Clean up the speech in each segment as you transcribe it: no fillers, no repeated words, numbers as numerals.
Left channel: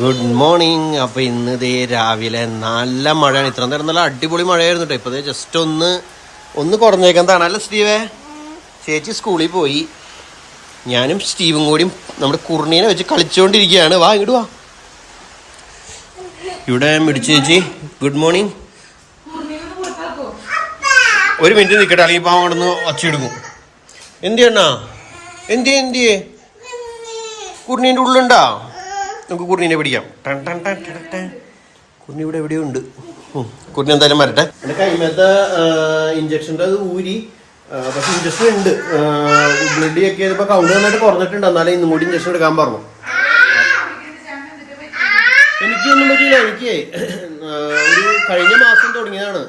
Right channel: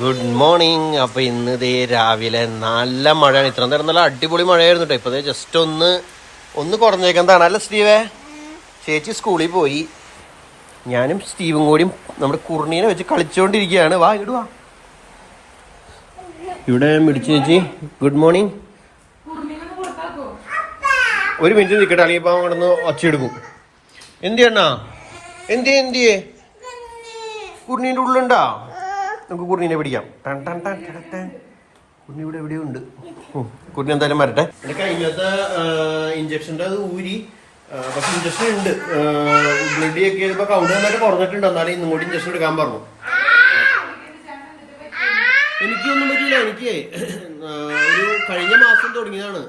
Good morning. അപ്പൊ ഇന്ന് ദേ രാവിലെ നല്ല മഴയാണ്. ഇത്ര നേരം നല്ല അടിപൊളി മഴയായിരുന്നു കേട്ടോ. ഇപ്പൊ ജസ്റ്റ് ഒന്ന് കുറഞ്ഞേക്കുന്നതാണ് അല്ല സ്റ്റീവേ. ചേച്ചി സ്കൂളിൽ പോയി, ഞാനും സ്റ്റീവും കൂടിയും നമ്മുടെ കുർണീനെ വെച്ച് കളിച്ചുകൊണ്ടിരിക്കുകയാണ്. വാ ഇങ്ങോട്ട് വാ. ഇവിടെ മിടിച്ചു ചേച്ചി ഗുഡ് മോർണിംഗ്. ഒരു മിനിറ്റ് നിൽക്കട്ടെ, അല്ലെങ്കിൽ ഇപ്പം അവിടെ നിന്ന് ഒച്ചയെടുക്കും. എന്തിയണ്ണാ എന്തിയേ കുർണീൻ്റെ ഉള്ളുണ്ടാ? നമുക്ക് കുർണീനെ പിടിക്കാം. കുർണി ഇവിടെ എവിടെയോ ഉണ്ട്. കുർണി എന്തായാലും വരട്ടെ. എൻ്റെ കൈമത്തെ ഇഞ്ചക്ഷൻ്റെ അത് ഊരി, പക്ഷെ ഇഞ്ചക്ഷൻ ഉണ്ട്. ബ്ലഡ് ചെക്ക് ചെയ്തപ്പോൾ കൗണ്ട് നന്നായിട്ട് കുറഞ്ഞിട്ടുണ്ട്. എന്നാലും ഇന്നും കൂടി ഇഞ്ചക്ഷൻ എടുക്കാൻ പറഞ്ഞു. എനിക്കൊന്നും പറ്റിയില്ല. എനിക്ക് ഒരു കഴിഞ്ഞ മാസം തുടങ്ങിയതാണ്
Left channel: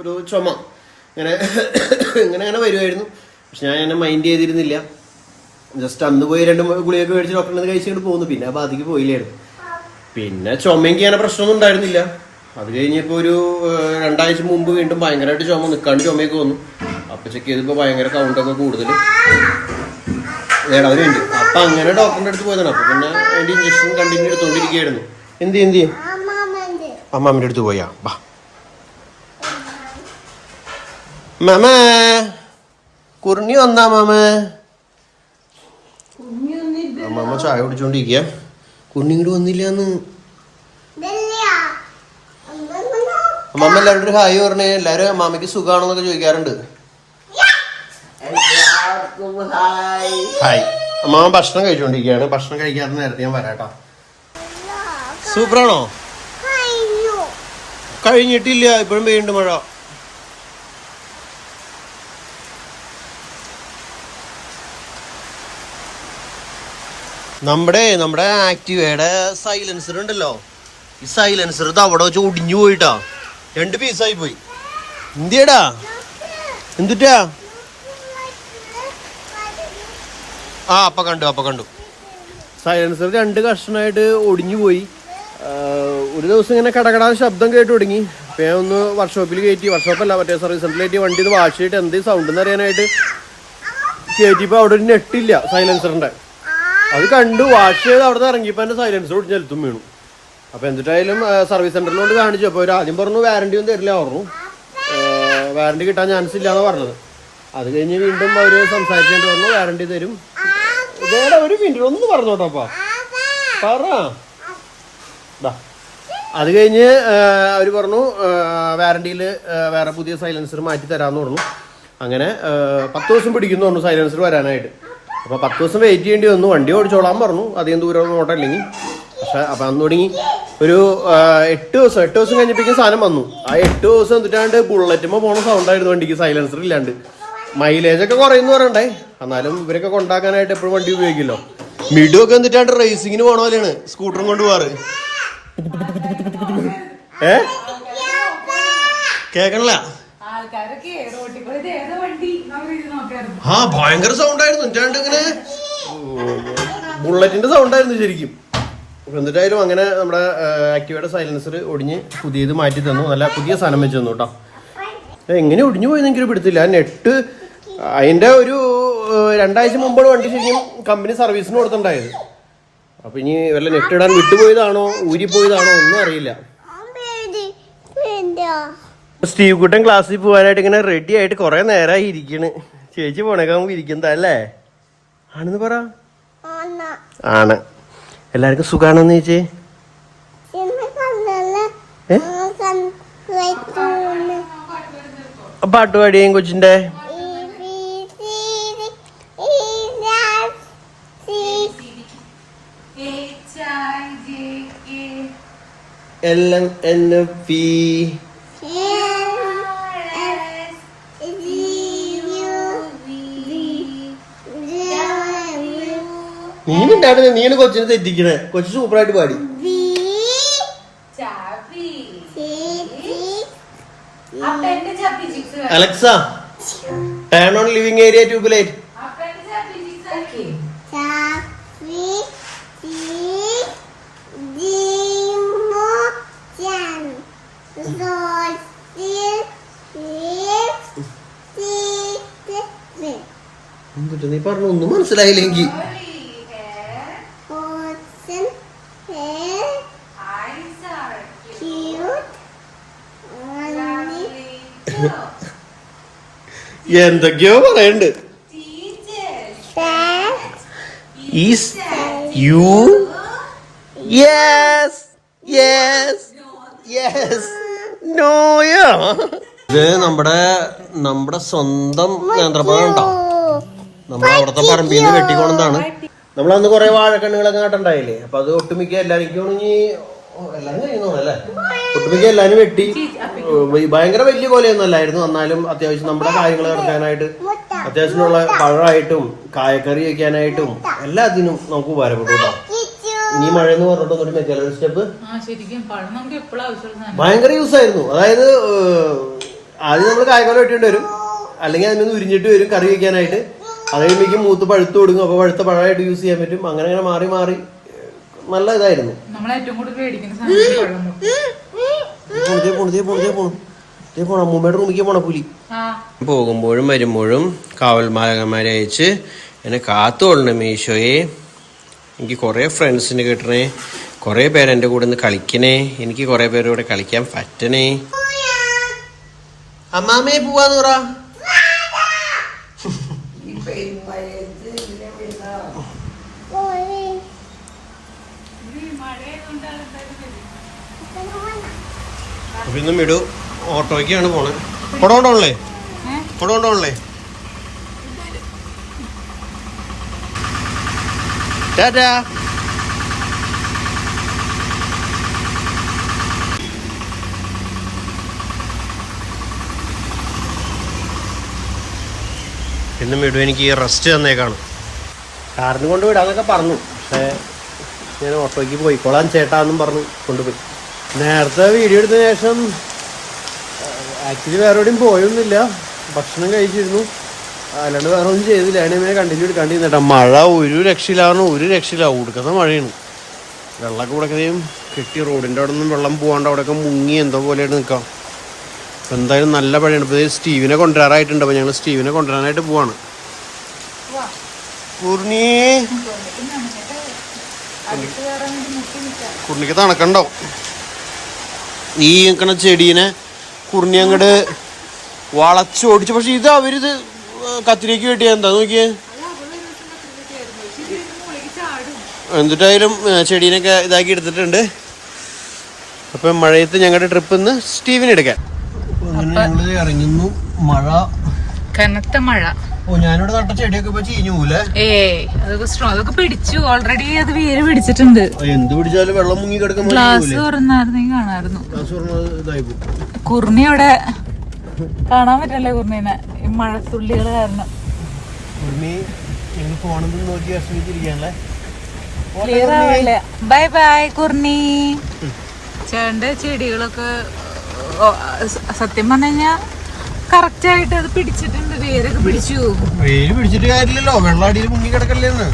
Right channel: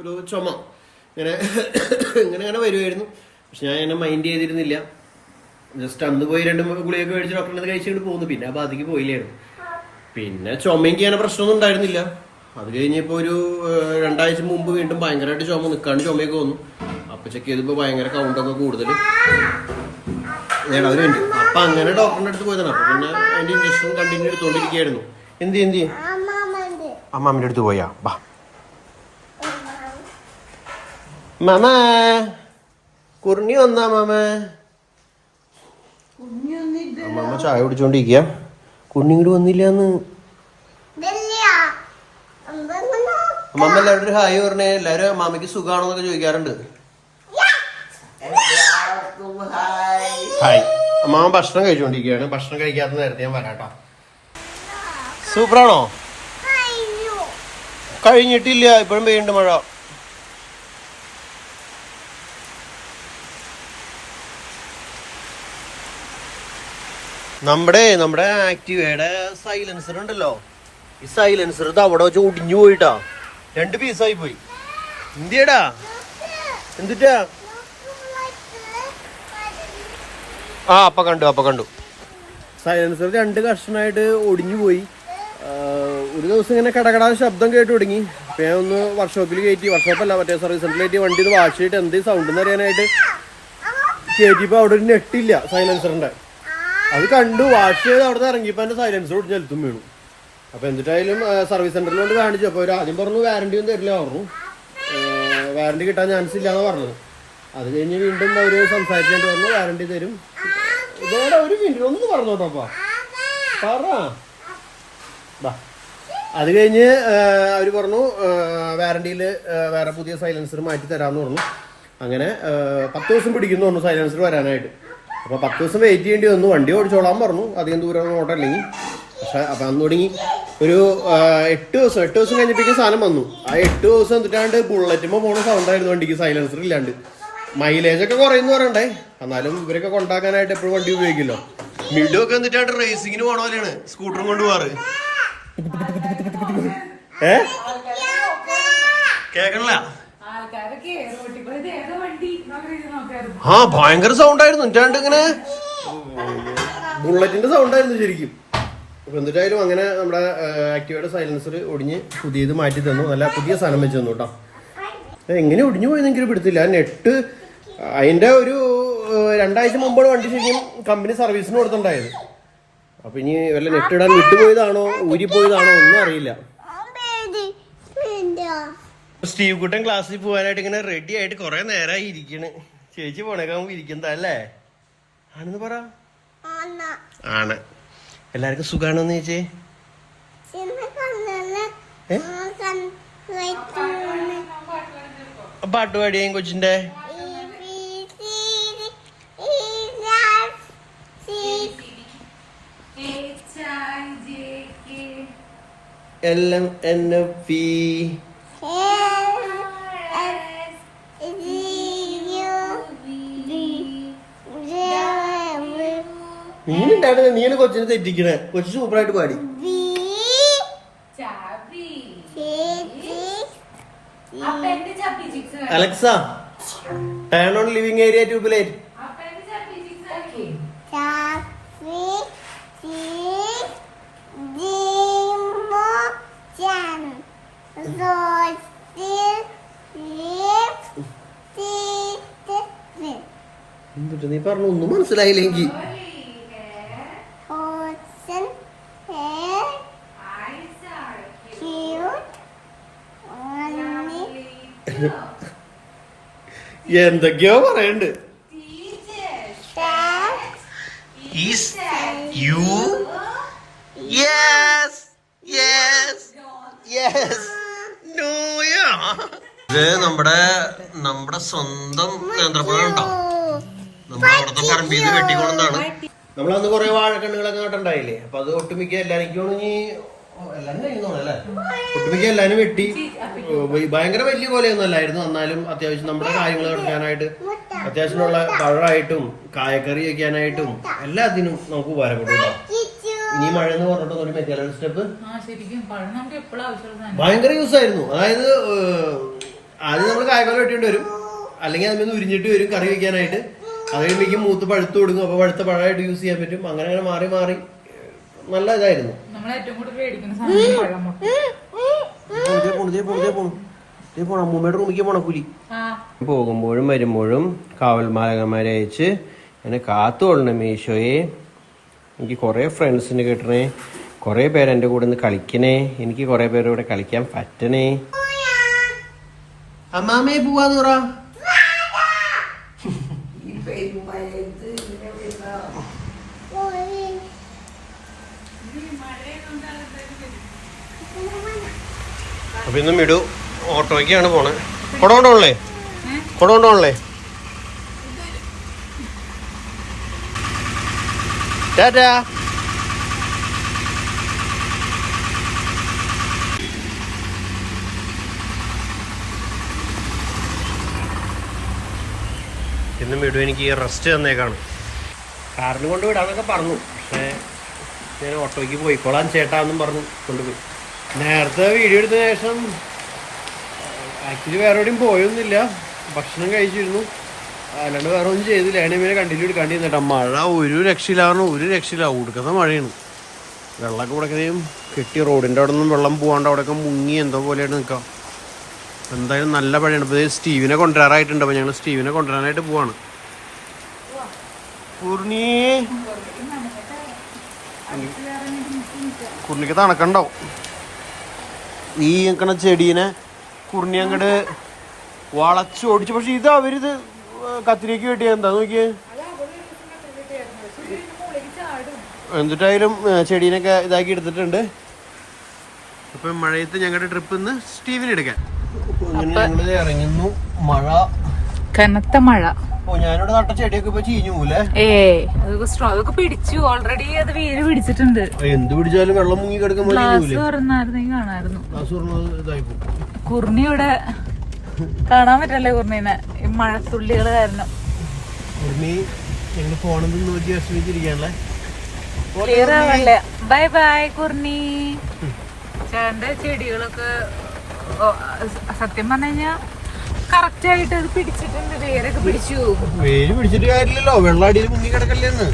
ഒരു ചുമ. ഇങ്ങനെ വരുമായിരുന്നു. പക്ഷെ ഞാൻ എന്നെ മൈൻഡ് ചെയ്തിരുന്നില്ല. ജസ്റ്റ് അന്ന് പോയി 2 ഗുളിയൊക്കെ മേടിച്ച് ഡോക്ടറിനെ കഴിച്ചിട്ട് പോകുന്നു. പിന്നെ ആ ബാധിക്ക് പോയില്ലായിരുന്നു. പിന്നെ ചുമയ്ക്ക് അങ്ങനെ പ്രശ്നമൊന്നും ഉണ്ടായിരുന്നില്ല. അത് കഴിഞ്ഞപ്പോൾ ഒരു 2 ആഴ്ച മുമ്പ് വീണ്ടും ഭയങ്കരമായിട്ട് ചുമ നിൽക്കാണ്ട് ചുമയൊക്കെ വന്നു. അപ്പൊ ചെക്ക് ചെയ്തപ്പോൾ ഭയങ്കര കൗണ്ടൊക്കെ കൂടുതൽ അതിനുണ്ട്. അപ്പൊ അങ്ങനെ ഡോക്ടറിന്റെ അടുത്ത് പോയതാണ്. അപ്പൊ പിന്നെ അതിന്റെ ഇഞ്ചക്ഷൻ കണ്ടിന്യൂ എടുത്തോണ്ടിരിക്കുകയായിരുന്നു. എന്ത് അമ്മാമ്മന്റെ അടുത്ത് പോയാ ബാ. മാമേ കുർണി വന്നാ മാമേ? അമ്മ ചായ കുടിച്ചോണ്ടിരിക്കുക. കുർണി ഇങ്ങോട്ട് വന്നില്ലാന്ന്. അമ്മമ്മ എല്ലാവരും ഒരു ഹായ് പറഞ്ഞേ. എല്ലാരും അമ്മാമ്മക്ക് സുഖാണോന്നൊക്കെ ചോദിക്കാറുണ്ട്. ഹായ്. അമ്മാമ്മ ഭക്ഷണം കഴിച്ചോണ്ടിരിക്കുകയാണ്. ഭക്ഷണം കഴിക്കാത്ത നേരത്തെ ഞാൻ വരാട്ടോ. സൂപ്പറാണോ? കഴിഞ്ഞിട്ടില്ല, ഇപ്പോഴും പെയ്യുന്നുണ്ട് മഴ. നമ്മുടെ ആക്റ്റീവയുടെ സൈലൻസർ ഉണ്ടല്ലോ, ഈ സൈലൻസർ ഇത് അവിടെ വെച്ച് ഒടിഞ്ഞു പോയിട്ടാ. 2 പീസായി പോയി. എന്തിയടാ എന്തുട്ടാ? അപ്പൊ കണ്ടു സൈലൻസർ 2 കഷ്ണമായിട്ട് ഒടിഞ്ഞു പോയി. ഒരു ദിവസം ഇങ്ങനെ കടകടാൻ ശബ്ദം കേട്ട് തുടങ്ങി. അപ്പൊ ഞാൻ ഒന്ന് വർക്ക്ഷോപ്പിൽ കയറ്റി, വർക്ക്ഷോപ്പല്ല മറ്റേ സർവീസ് സെന്ററിൽ കയറ്റി വണ്ടി ഇത് വാഷ് ചെയ്തിട്ട് എന്ത് സൗണ്ട് എന്ന് അറിയാനായിട്ട് കയറ്റിയപ്പോൾ അവിടെ ഒരു നെറ്റില്ല സൈലൻസറിന്റെ. അത് കണ്ടു വാഷ് ചെയ്ത് അവിടെ നിന്ന് ഇറങ്ങിയപ്പോൾ എൻ്റെ സൈലൻസർ ഒടിഞ്ഞ് നിലത്തും വീണു. അപ്പോൾ എന്നിട്ടായാലും സർവീസ് സെന്ററിലോട്ട് കാണിച്ചു. അപ്പോൾ അവർ ആദ്യം പറഞ്ഞു വാറണ്ടി ഒന്നും തരില്ല പറഞ്ഞു. വാറണ്ടി കിട്ടാൻ ചാൻസ് ഇല്ലാന്ന് പറഞ്ഞത്. അത് കഴിഞ്ഞ് വീണ്ടും അവർ സംസാരിച്ചിട്ട് പറഞ്ഞു വാറണ്ടി തരും. ഇതേടെ ഒരു മിനിറ്റ് ഒന്ന് പറഞ്ഞോട്ടപ്പാ പറ. അത് കഴിഞ്ഞ് അവർ പറഞ്ഞു വാറണ്ടിയിൽ വേറെ പുതിയ സൈലൻസർ മാറ്റി തരാമെന്ന് പറഞ്ഞു. അങ്ങനെ 10 ദിവസം പിടിക്കുന്നു പറഞ്ഞു സൈലൻസർ വരാനായിട്ട്. അപ്പോൾ 10 ദിവസം വെയിറ്റ് ചെയ്യേണ്ടി വന്നു. വണ്ടി ഓടിച്ചോളാൻ പറഞ്ഞു, അധികം ദൂരം ഓട്ടമില്ലെങ്കിൽ. പക്ഷെ അപ്പം അന്ന് തുടങ്ങി ഒരു 8 ദിവസം കഴിഞ്ഞപ്പോഴേക്കും സാധനം വന്നു. ആ 8 ദിവസം എന്നിട്ടാണ്ട് ബുള്ളറ്റുമ്പോൾ പോണ സൗണ്ടായിരുന്നു വണ്ടിക്ക്, സൈലൻസർ ഇല്ലാണ്ട്. മൈലേജ് ഒക്കെ കുറയുന്നു പറയണ്ടേ, എന്നാലും ഇവരൊക്കെ കൊണ്ടാക്കാനായിട്ട് എപ്പോഴും വണ്ടി ഉപയോഗിക്കുമല്ലോ. മിഡുവൊക്കെ എന്നിട്ടാണ്ട് റേസിങ്ങിന് പോണ പോലെയാണ് സ്കൂട്ടറും കൊണ്ട് പോവാറ്. കേക്കണില്ല? ഭയങ്കര സൗണ്ടായിരുന്നു. എന്നിട്ടാണ്ട് ഇങ്ങനെ ബുള്ളറ്റിന്റെ സൗണ്ടായിരുന്നു ശരിക്കും. എന്നിട്ടായാലും അങ്ങനെ നമ്മുടെ ആക്റ്റീവയുടെ സൈലൻസർ ഒടിഞ്ഞ് പുതിയത് മാറ്റി തന്നു. നല്ല പുതിയ സാധനം വെച്ച് തന്നു കേട്ടോ. എങ്ങനെ ഒടിഞ്ഞു പോയെന്ന് എനിക്ക് പിടുത്തില്ല. നെറ്റ് അതിന്റെ ഒരു 2 ആഴ്ച മുമ്പാണ് വണ്ടി ശരിക്കും കമ്പനി സർവീസിന് കൊടുത്തിട്ടുണ്ടായത്. അപ്പൊ ഇനി വല്ല നെറ്റ് ഇടാൻ വിട്ടുപോയതാണോ ഊരിപ്പോയതാണോ ഒന്നും അറിയില്ല. സ്റ്റീവ് കുട്ടൻ ക്ലാസ്സിൽ പോകാനായിട്ട് ഇങ്ങനെ റെഡി ആയിട്ട് കുറെ നേരമായി ഇരിക്കണ്. ചേച്ചി പോണേക്കാകുമ്പോ ഇരിക്കുന്നതാ അല്ലേ? ആണെന്ന് പറ. ആണ്. എല്ലാവർക്കും സുഖാണെന്ന് ചേച്ചി? പാട്ട് പാടിയേം കൊച്ചിന്റെ? LNP നീനുണ്ടായിരുന്നു. നീന് കൊച്ചിനെ തെറ്റിക്കണേ. കൊച്ചു സൂപ്പറായിട്ട് പാടി. Alexa turn on living area tube light. എന്നിട്ട് നീ പറഞ്ഞു ഒന്നും മനസ്സിലായില്ലെങ്കിൽ. എന്തൊക്കെയോ പറയണ്ട്. Is you yes yes yes നോയോ. ഇത് നമ്മുടെ സ്വന്തം നേന്ത്രപ്പഴം ഉണ്ടോ, നമ്മുടെ അവിടുത്തെ പറമ്പിൽ നിന്ന് വെട്ടിക്കൊണ്ടാണ്. നമ്മളന്ന് കുറെ വാഴക്കണ്ണുകളൊക്കെ നട്ടുണ്ടായില്ലേ, അപ്പൊ അത് ഒട്ടുമിക്ക എല്ലാരും കഴിയുന്നോളല്ലേ, ഒട്ടുമിക്ക എല്ലാരും വെട്ടി. ഭയങ്കര വലിയ പോലെയൊന്നും അല്ലായിരുന്നു, എന്നാലും അത്യാവശ്യം നമ്മുടെ കാര്യങ്ങൾ നടത്താനായിട്ട് അത്യാവശ്യമുള്ള പഴമായിട്ടും കായക്കറി വയ്ക്കാനായിട്ടും എല്ലാത്തിനും നമുക്ക് ഉപകാരപ്പെട്ടു കേട്ടോ. ഈ മഴ എന്ന് പറഞ്ഞിട്ടൊന്നും വെക്കാലോ ഒരു സ്റ്റെപ്പ് ഭയങ്കര യൂസ് ആയിരുന്നു. അതായത് ആദ്യം നമ്മൾ കായക്കറി വെട്ടേണ്ടി വരും, അല്ലെങ്കിൽ അതിൽ നിന്ന് ഉരിഞ്ഞിട്ട് വരും കറി വയ്ക്കാനായിട്ട്. അത് കഴിയുമ്പോഴേക്കും മൂത്ത് പഴുത്ത് കൊടുക്കും, അപ്പൊ പഴുത്ത പഴമായിട്ട് യൂസ് ചെയ്യാൻ പറ്റും. അങ്ങനെ അങ്ങനെ മാറി മാറി നല്ല ഇതായിരുന്നു. അമ്മൂമ്മയുടെ റൂമിലേക്ക് പോണ പുലി. പോകുമ്പോഴും വരുമ്പോഴും കാവൽമാലകന്മാരെ അയച്ച് എന്നെ കാത്തുകൊള്ളണേ മീശോയെ. എനിക്ക് കുറെ ഫ്രണ്ട്സിന് കിട്ടണേ, കുറെ പേര് എൻ്റെ കൂടെ നിന്ന് കളിക്കണേ, എനിക്ക് കുറെ പേരുടെ കൂടെ കളിക്കാൻ പറ്റണേ. അമ്മാമേ പോവാന്ന് പറ. അപ്പൊ ഇന്ന് മിടു ഓട്ടോയ്ക്കാണ് പോണേ. കൊടോണ്ടോണല്ലേ, കൊടോണ്ടോണല്ലേ. ടാറ്റാ. ഇന്ന് മിടു എനിക്ക് റെസ്റ്റ് തന്നേക്കാണ്. കാറിന് കൊണ്ട് വിടാന്നൊക്കെ പറഞ്ഞു, പക്ഷേ ഞാൻ ഓട്ടോയ്ക്ക് പോയിക്കോളാൻ ചേട്ടാന്നും പറഞ്ഞു കൊണ്ടുപോയി. നേരത്തെ വീഡിയോ എടുത്തതിന് ശേഷം ആക്ച്വലി വേറെ എവിടെയും പോയൊന്നുമില്ല, ഭക്ഷണം കഴിച്ചിരുന്നു, അല്ലാണ്ട് വേറെ ഒന്നും ചെയ്തില്ല. അതിനെ കണ്ടിന്യൂ എടുക്കാണ്ടിരുന്നേട്ടാ. മഴ ഒരു രക്ഷയിലാവണം, ഒരു രക്ഷയില്ല, ഉടുക്കുന്ന മഴയാണ്. വെള്ളമൊക്കെ കൂടെയും കെട്ടി റോഡിൻ്റെ അവിടെ നിന്നും വെള്ളം പോകാണ്ട് അവിടെയൊക്കെ മുങ്ങി എന്തോ പോലെയായിട്ട് നിൽക്കാം. അപ്പം എന്തായാലും നല്ല മഴയാണ്. ഇപ്പോൾ സ്റ്റീവിനെ കൊണ്ടുവരാറായിട്ടുണ്ട്, അപ്പോൾ ഞങ്ങൾ സ്റ്റീവിനെ കൊണ്ടുവരാനായിട്ട് പോവാണ്. കുർണിക്ക് തണക്കുണ്ടാവും. ഈ നിൽക്കണ ചെടീനെ കുർണി അങ്ങോട്ട് വളച്ചോടിച്ചു. പക്ഷെ ഇത് അവരിത് കത്തിരിക്ക് കിട്ടിയ എന്താ നോക്കിയേ. എന്നിട്ടായാലും ചെടീനൊക്കെ ഇതാക്കി എടുത്തിട്ടുണ്ട്. അപ്പം മഴയത്ത് ഞങ്ങളുടെ ട്രിപ്പ് ഇന്ന് സ്റ്റീവിനെ എടുക്കാൻ ഇറങ്ങുന്നു. മഴ, കനത്ത മഴ. ഞാനിവിടെ നട്ട ചെടിയൊക്കെ ഇപ്പൊ ചീഞ്ഞു പോലേ. അതൊക്കെ പിടിച്ചു ഓൾറെഡി, അത് വേര് പിടിച്ചിട്ടുണ്ട്. എന്ത് പിടിച്ചാലും വെള്ളം മുങ്ങി കിടക്കുന്ന ഗ്ലാസ് തുറന്നായിരുന്നെങ്കിൽ കാണാമായിരുന്നു. കുർണി അവിടെ കാണാൻ പറ്റല്ലേ കുർണീനെ, ഈ മഴത്തുള്ളികൾ കാരണം. നോക്കി വിഷമിച്ചിരിക്കാനല്ലേ. ക്ലിയർ ആവല്ലേ. ബൈ ബൈ കുർണി. ചേട്ടന്റെ ചെടികളൊക്കെ സത്യം പറഞ്ഞു കഴിഞ്ഞാ കറക്റ്റ് ആയിട്ട് അത് പിടിച്ചിട്ടുണ്ട്, വേരൊക്കെ പിടിച്ചു. വേര് പിടിച്ചിട്ട് കാര്യമില്ലല്ലോ, വെള്ളം അടിയിൽ മുങ്ങി കിടക്കല്ലേന്ന്.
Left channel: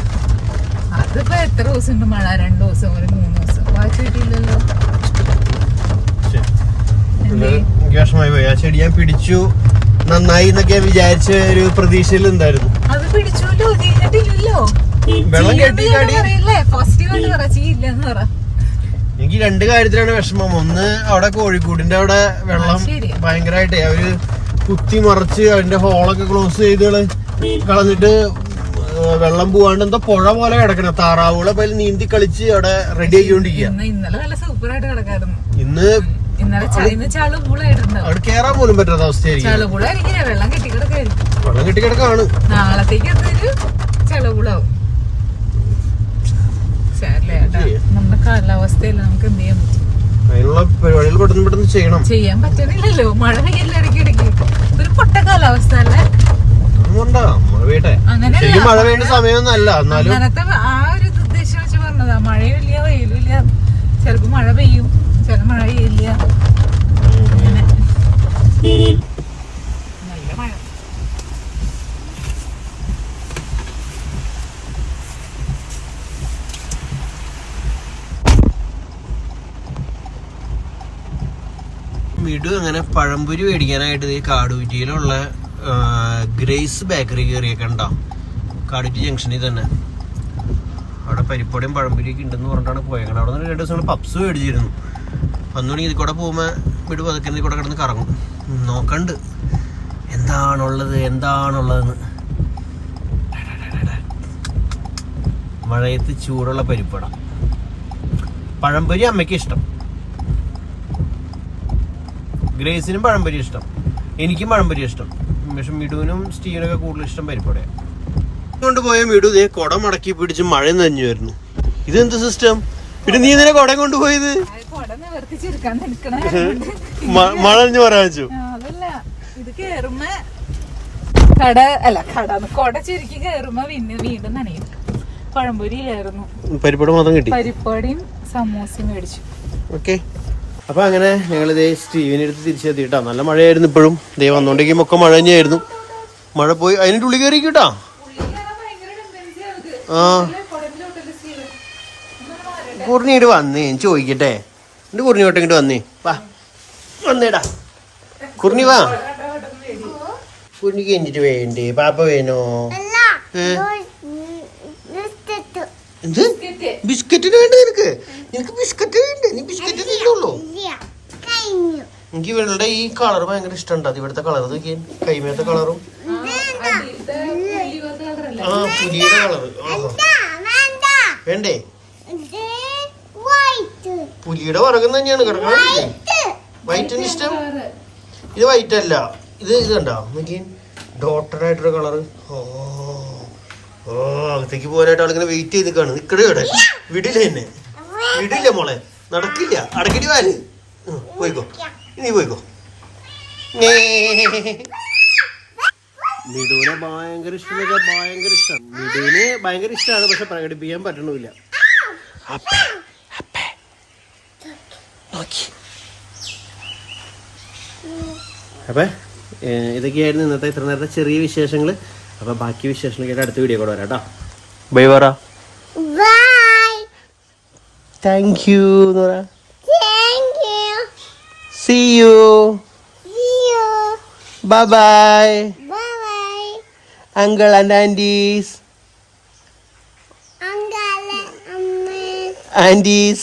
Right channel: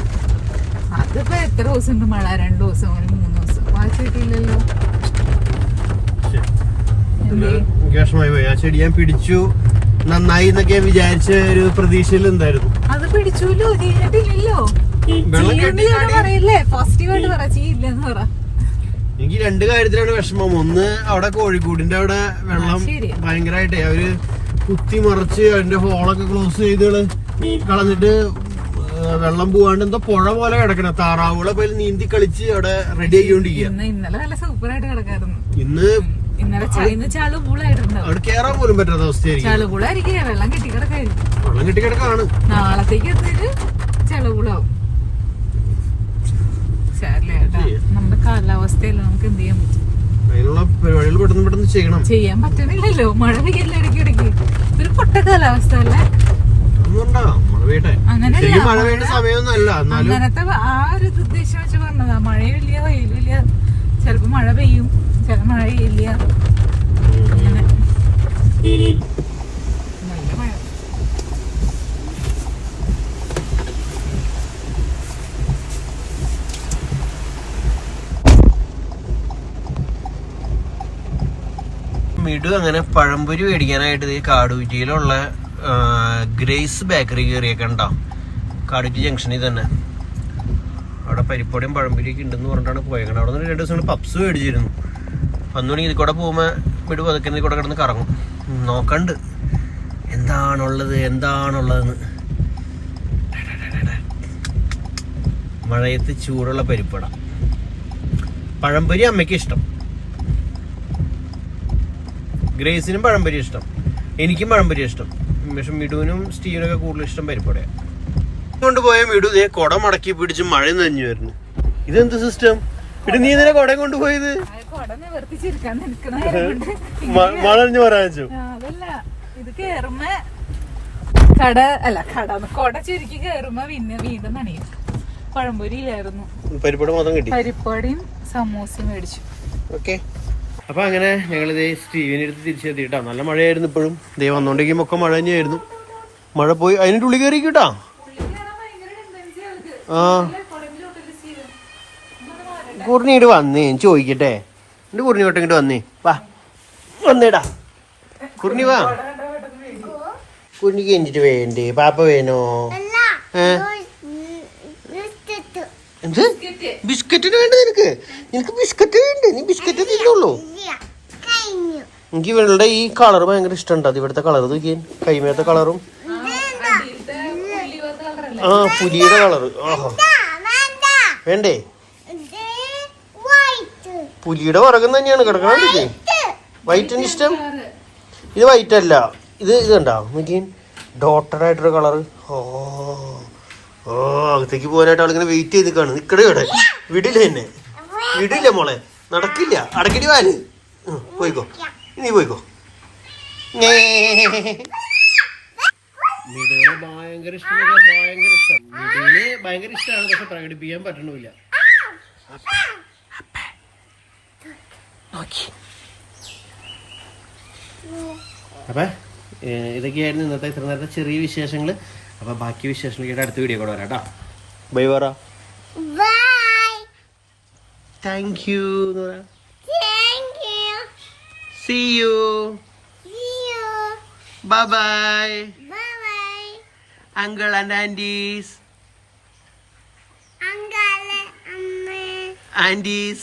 അതിപ്പോ എത്ര ദിവസം ഉണ്ട് മഴ? 2 ദിവസം, 3 ദിവസം വാച്ച് കിട്ടിയില്ലല്ലോ. വിഷമായി പോയി. ആ ചെടി ഞാൻ പിടിച്ചു നന്നായി എന്നൊക്കെ വിചാരിച്ച ഒരു പ്രതീക്ഷയിൽ എന്തായിരുന്നു. അത് പിടിച്ചല്ലോ, ചെയ്തിട്ടില്ലല്ലോ. വെള്ളം കെട്ടിയില്ലേ പോസിറ്റീവായിട്ട് പറ, ചെയ്യില്ലെന്ന് പറ. എനിക്ക് 2 കാര്യത്തിലാണ് വിഷമം. ഒന്ന്, അവിടെ കോഴിക്കോടിന്റെ അവിടെ വെള്ളം ഭയങ്കരമായിട്ടേ അവര് കുത്തി മറച്ച് അതിന്റെ ഹോളൊക്കെ ക്ലോസ് ചെയ്ത് കളഞ്ഞിട്ട് വെള്ളം പോവാണ്ട് എന്തോ പുഴ പോലെ കിടക്കണം. താറാവുകളെ പോലെ നീന്തി കളിച്ച് അവിടെ റെഡി ആയിക്കൊണ്ടിരിക്കുക. ഇന്നലെ നല്ല സൂപ്പറായിട്ട് കിടക്കായിരുന്നു. ഇന്നലെ ചളുപുളായിരുന്നു, അവിടെ കേറാൻ പോലും പറ്റാത്ത അവസ്ഥയായിരിക്കും. ചളുപുളായിരിക്കില്ല, വെള്ളം കെട്ടിക്കിടക്കായിരിക്കും. വെള്ളം കെട്ടിക്കിടക്കാണ്. നാളത്തേക്ക് അതൊരു ചളുപുളാവും. നമ്മുടെ കാലാവസ്ഥയല്ല, നമുക്ക് എന്ത് ചെയ്യാൻ പറ്റും? അതിനുള്ള പരിപാടികൾ പെട്ടെന്ന് ചെയ്യണം. ചെയ്യാൻ പറ്റുന്നില്ലല്ലോ, മഴ പെയ്യില്ല ഇടയ്ക്കിടയ്ക്ക്. ഒരു പൊട്ട കാലാവസ്ഥ അല്ലേ അങ്ങനെയല്ല. മഴ പെയ്യുന്ന സമയമൊന്നും അല്ല, അങ്ങനത്തെ ആ ഒരു ഉദ്ദേശം വെച്ച് പറഞ്ഞതാ. മഴയില്ല വെയിലില്ല, ചിലപ്പോ മഴ പെയ്യും, ചിലപ്പോ മഴ പെയ്യില്ല. അങ്ങനെ നല്ല മഴ. മിടു അങ്ങനെ പഴംപൊരി മേടിക്കാനായിട്ട് ഈ കാടുകുറ്റിയിലുള്ള ഗ്രേസ് ബേക്കറി കയറിയൊക്കെ ഉണ്ടാവും. കാടുകുറ്റി ജംഗ്ഷനിൽ തന്നെ അവിടെ പരിപ്പൊടിയും പഴംപൊരിയൊക്കെ ഉണ്ടെന്ന് പറഞ്ഞിട്ടാണ് പോയേക്കണം. അവിടെ നിന്ന് 2 ദിവസം പപ്സ് മേടിച്ചിരുന്നു. അന്നുണ്ടെങ്കിൽ ഇതിൽ കൂടെ പോകുമ്പോൾ മിടു പതുക്കെ ഇതിൽ കൂടെ കിടന്ന് കറങ്ങും. നോക്കണ്ട് എന്താണുള്ളതെന്ന്. മഴയത്ത് ചൂടുള്ള പരിപ്പട. പഴംപൊരി അമ്മയ്ക്ക് ഇഷ്ടം, ഗ്രേസിനും പഴംപൊരി ഇഷ്ടം, എനിക്കും പഴംപൊരി ഇഷ്ടം. പക്ഷെ മിടുവിനും സ്റ്റീവിനൊക്കെ കൂടുതൽ ഇഷ്ടം പരിപ്പടയാണ്. കൊണ്ടുപോയ മിടു ഇതേ കുട മടക്കി പിടിച്ച് മഴ നനഞ്ഞു വരുന്നു. ഇതെന്ത് സിസ്റ്റം? പിന്നെ നീ ഇതിനെ കുട കൊണ്ടുപോയത് മഴ നനഞ്ഞു പറയാൻ വെച്ചു. ഇത് കേറുമ്പോ കൊട ചുരുക്കി കേറുമ്പോ പിന്നെ വീണ്ടും നനയും. പഴംപൊരി ആയിരുന്നു, പരിപ്പട മാത്രം കിട്ടി. പരിപ്പടിയും സമൂസയും മേടിച്ചു. ഓക്കെ, അപ്പൊ അങ്ങനെ ഞങ്ങൾ ഇതേ സ്റ്റീവിനെ അടുത്ത് തിരിച്ചെത്തിയിട്ടാ. നല്ല മഴയായിരുന്നു. ഇപ്പോഴും ദേ വന്നോണ്ടെങ്കിലും ഒക്കെ മഴ തന്നെയായിരുന്നു. മഴ പോയി അതിന്റെ ഉള്ളിൽ കയറിക്കൂട്ടാ. ആ കുറിഞ്ഞിട്ട് വന്ന് ചോദിക്കട്ടെ. എന്റെ കുറിഞ്ഞോട്ട് ഇങ്ങോട്ട് വന്നേ, വാ വന്നേടാ കുറിഞ്ഞി വാ. കുഞ്ഞിക്ക് കഴിഞ്ഞിട്ട് വേണ്ടേ? പാപ്പ വേണോ? എന്ത് ബിസ്ക്കറ്റിന് വേണ്ട? നിനക്ക് ബിസ്ക്കറ്റ് വേണ്ടേ? നീ ബിസ്ക്കറ്റ് തിന്നുള്ളൂ. എനിക്ക് ഇവളുടെ ഈ കളർ ഭയങ്കര ഇഷ്ടമുണ്ട്. അത് ഇവിടുത്തെ കളർ നോക്കിയേ, കൈമേത്തെ കളറും ആ പുലിയുടെ കളറ്. ഓഹോ വേണ്ടേ? പുലിയുടെ പുറകം തന്നെയാണ് കിടക്കണേ. വൈറ്റിന് ഇഷ്ടം. ഇത് വൈറ്റ് അല്ല, ഇത് കണ്ടോ നോക്കിയേ, ഡോട്ടഡ് ആയിട്ടൊരു കളറ്. അകത്തേക്ക് പോകാനായിട്ട് ആളിങ്ങനെ വെയിറ്റ് ചെയ്ത് നിൽക്കാണ്. നിക്കടെ ഇവിടെ വിടില്ല, എന്നെ വിടില്ല മോളെ, നടക്കില്ല. അടക്കിടി വാല്, പോയിക്കോ നീ പോയിക്കോ. മിടുവിനെ ഭയങ്കര ഇഷ്ടം, ഭയങ്കര ഇഷ്ടം. മിടുവിന് ഭയങ്കര ഇഷ്ടമാണ്, പക്ഷെ പ്രകടിപ്പിക്കാൻ പറ്റണില്ല. അപ്പൊ ഇതൊക്കെയായിരുന്നു ഇന്നത്തെ ഇത്ര നേരത്തെ ചെറിയ വിശേഷങ്ങൾ. അപ്പൊ ബാക്കി വിശേഷങ്ങളൊക്കെ അടുത്ത വീഡിയോ കൂടെ വരാം കേട്ടോ. ബൈ പറ. Thank you. See you. Bye bye. Uncle and aunties. Aunties.